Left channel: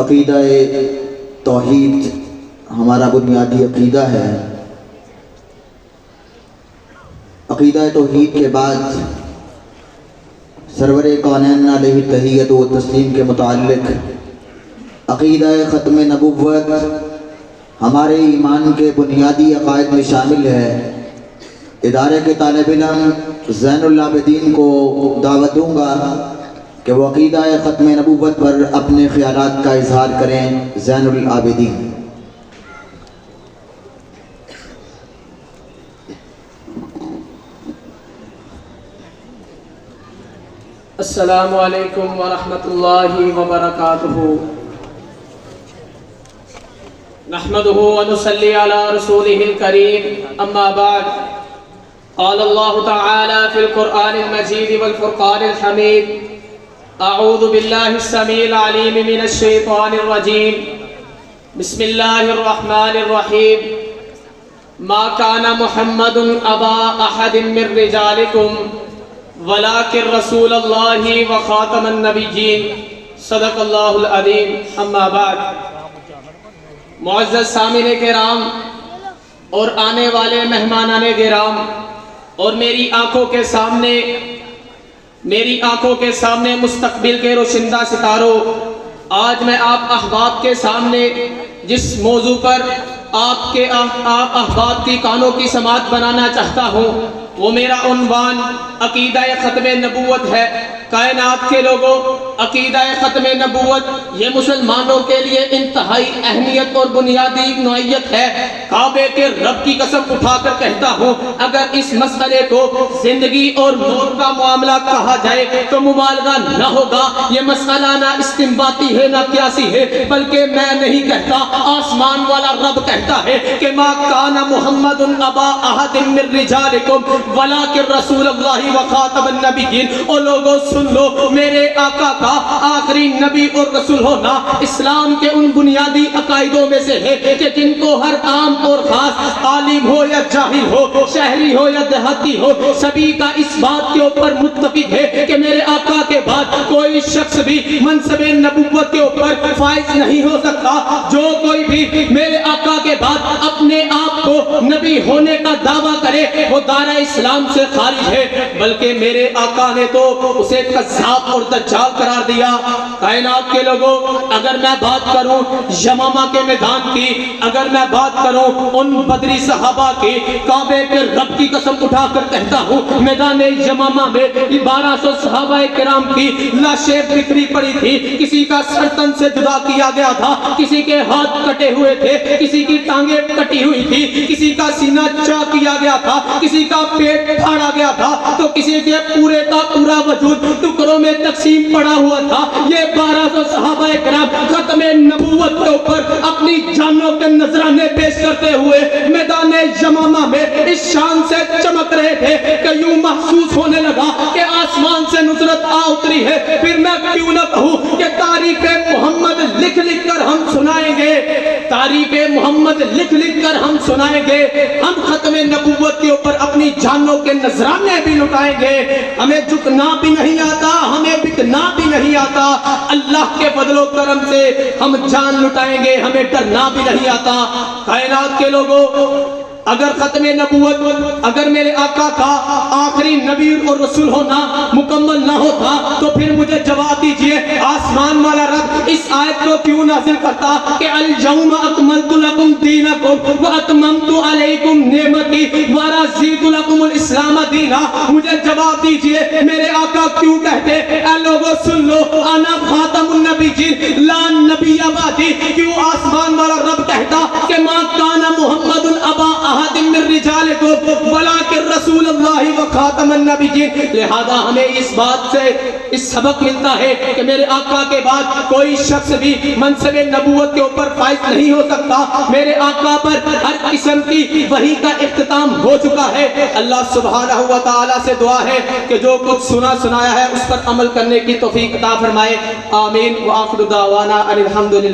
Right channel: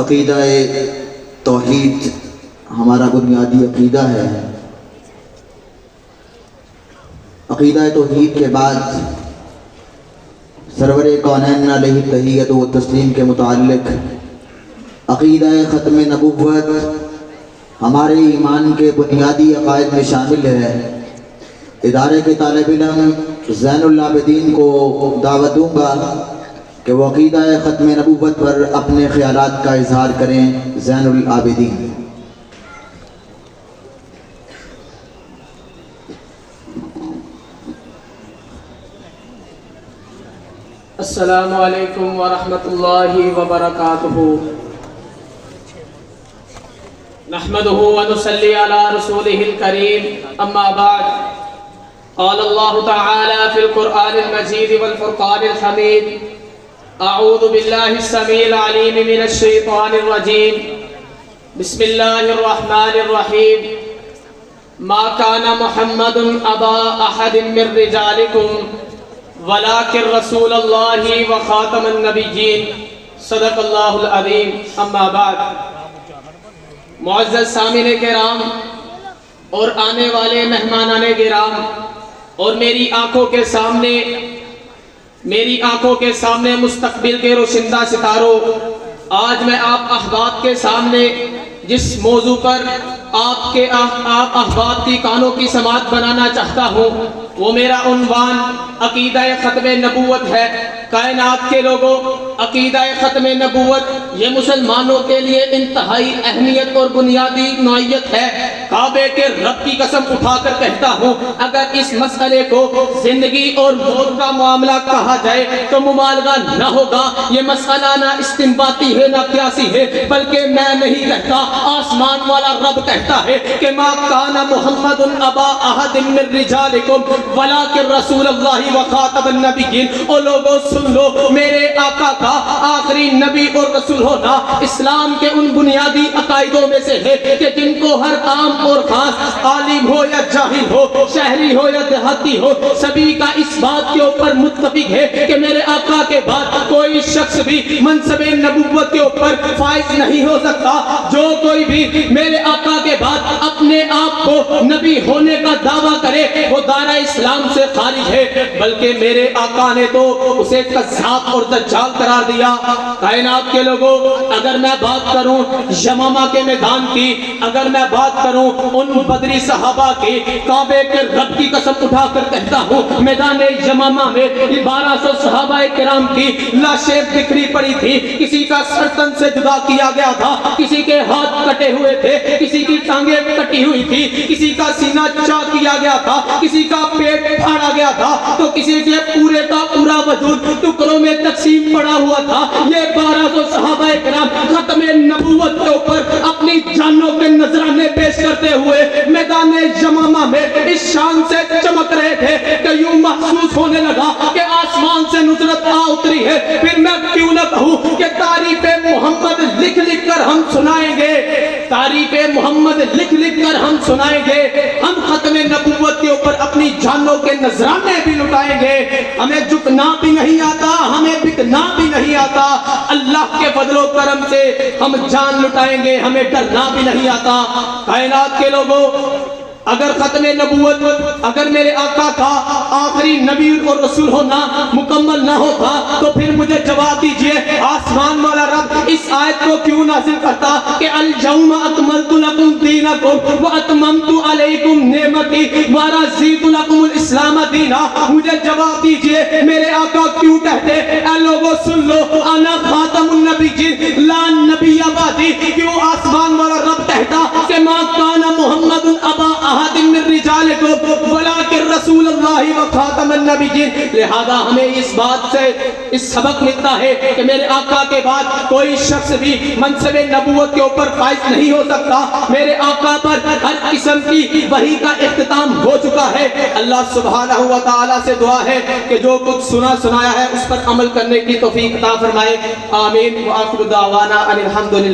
عقیدہ توحید ہمارا بنیادی عقیدہ ہے۔ عقیدہ توحید کے بعد سرور کونین علیہ تحیت و تسلیم کے متعلق عقیدہ ختم نبوت ہمارے ایمان کے بنیادی عقائد میں شامل ہے۔ ادارے کے طالب علم زین العابدین کو دعوت دوں گا کہ وہ عقیدہ ختم نبوت پر اپنے خیالات کا اظہار کریں۔ زین العابدین۔ السلام علیکم ورحمۃ اللہ وبرکاتہ۔ نحمده ونصلي على رسوله الكريم اما بعد، قال الله تعالى في القرآن المجيد والفرقان الحميد: اعوذ بالله السميع العليم من الشيطان الرجيم، بسم الله الرحمن الرحيم، ما كان محمد ابا احد من رجالكم ولكن رسول الله وخاتم النبيين، صدق الله العظيم۔ اما بعد، معزز سامعین کرام اور آنے والے مہمانان کرام اور میری آنکھوں کے سامنے مستقبل کے روشندہ ستاروں، آج میں آپ احباب کے سامنے جس موضوع پر آپ احباب کی کانوں کی سماعت بنانا چاہتا ہوں وہ میرا عنوان عقیدہ ختم نبوت ہے۔ کائنات کے لوگوں، عقیدہ ختم نبوت یہ مسلمانوں کے لیے انتہائی اہمیت اور بنیادی نوعیت ہے۔ کعبے کے رب کی قسم اٹھا کر کہتا ہوں، اگر اس مسئلے کو زندگی اور موت کا معاملہ کہا جائے تو مبالغہ نہ ہوگا۔ یہ مسئلہ نہ استنباطی ہے نہ قیاسی ہے، بلکہ میں نہیں کہتا، آسمان والا رب کہتا ہے کہ ما کان محمد ابا احد من رجالکم ولکن رسول اللہ وخاتم النبیین۔ او لوگوں سن لو، میرے آقا کا آخری نبی اور رسول ہونا اسلام کے ان بنیادی عقائدوں میں سے ہے کہ جن کو ہر عام اور خاص، عالم ہو یا جاہل ہو، شہری ہو یا دیہاتی ہو، سبھی کا اس بات کے اوپر متفق ہے کہ میرے آقا کے بعد کوئی شخص بھی منصب نبوت کے اوپر فائز نہیں ہو سکتا۔ جو کوئی بھی میرے آقا کے بعد اپنے آپ کو نبی ہونے کا دعویٰ کرے وہ دائرہ اسلام سے خارج ہے، بلکہ میرے آقا نے تو اسے کذاب اور دجال قرار دیا۔ کائنات کے لوگوں، اگر میں بات کروں یمامہ کے میدان کی، اگر میں بات کروں ان بدری صحابہ کی، کعبے کے رب کی قسم اٹھا کر کہتا ہوں، میدان یمامہ میں 1200 صحابہ کرام کی لاشیں بکھری پڑی تھی۔ کسی کا سر تن سے جدا کیا گیا تھا، کسی کے ہاتھ کٹے ہوئے تھے، کسی کی ٹانگیں کٹی ہوئی تھی، کسی کا سینہ چاک کیا گیا تھا، کسی کا پیٹ پھاڑا گیا تھا، تو کسی کے پورے کا پورا وجود ٹکڑوں میں تقسیم پڑا ہوا تھا۔ یہ 1200 صحابہ کرام ختم نبوت کے اوپر اپنی جانوں کے نذرانے پیش کرتے ہوئے میدان یمامہ میں اس شان سے چمک رہے تھے کہ یوں محسوس ہونے لگا کہ آسمان سے نصرت آ اتری ہے۔ پھر میں کیوں نہ کہوں کہ تعریف محمد لکھ لکھ کر ہم سنائیں گے، تعریف محمد لکھ لکھ کر ہم سنائیں گے۔ ہم ختم نبوت کے اوپر اپنی جانوں کے نذرانے بھی لٹائیں گے۔ ہمیں جھکنا بھی نہیں آتا، ہمیں بکنا بھی نہیں آتا۔ اللہ کے فضل و کرم سے ہم جان لٹائیں گے، ہمیں ڈرنا بھی نہیں آتا۔ کائنات کے لوگوں، اگر ختم نبوت، اگر میرے آقا کا آخری نبی اور رسول ہونا مکمل نہ ہوتا تو پھر مجھے جواب دیجئے، آسمان والا رب اس آیت کو کیوں نازل کرتا کہ اليوم اکملت لکم دینکم واتممت علیکم نعمتی ورضیت لکم الاسلام دینا۔ مجھے جواب دیجئے، میرے آقا کیوں کہتے، اے لوگوں سن لو، انا خاتم النبیین لا نبی بعدی۔ کیوں آسمان والا رب کہتا کہ ما کان محمد ابا احد من رجالکم ولکن رسول اللہ وخاتم النبیین۔ لہذا ہمیں اس بات سے اس سبق ملتا ہے کہ میرے آقا کے بعد کوئی شخص بھی منصب نبوت کے اوپر فائز نہیں ہو سکتا۔ میرے آقا پر ہر قسم کی وحی کا اختتام ہو چکا ہے۔ اللہ سبحانہ و تعالی سے دعا ہے کہ جو کچھ سنایا ہے اس پر عمل کرنے کی توفیق عطا فرمائے۔ آمین۔ وآخر دعوانا ان الحمدللہ۔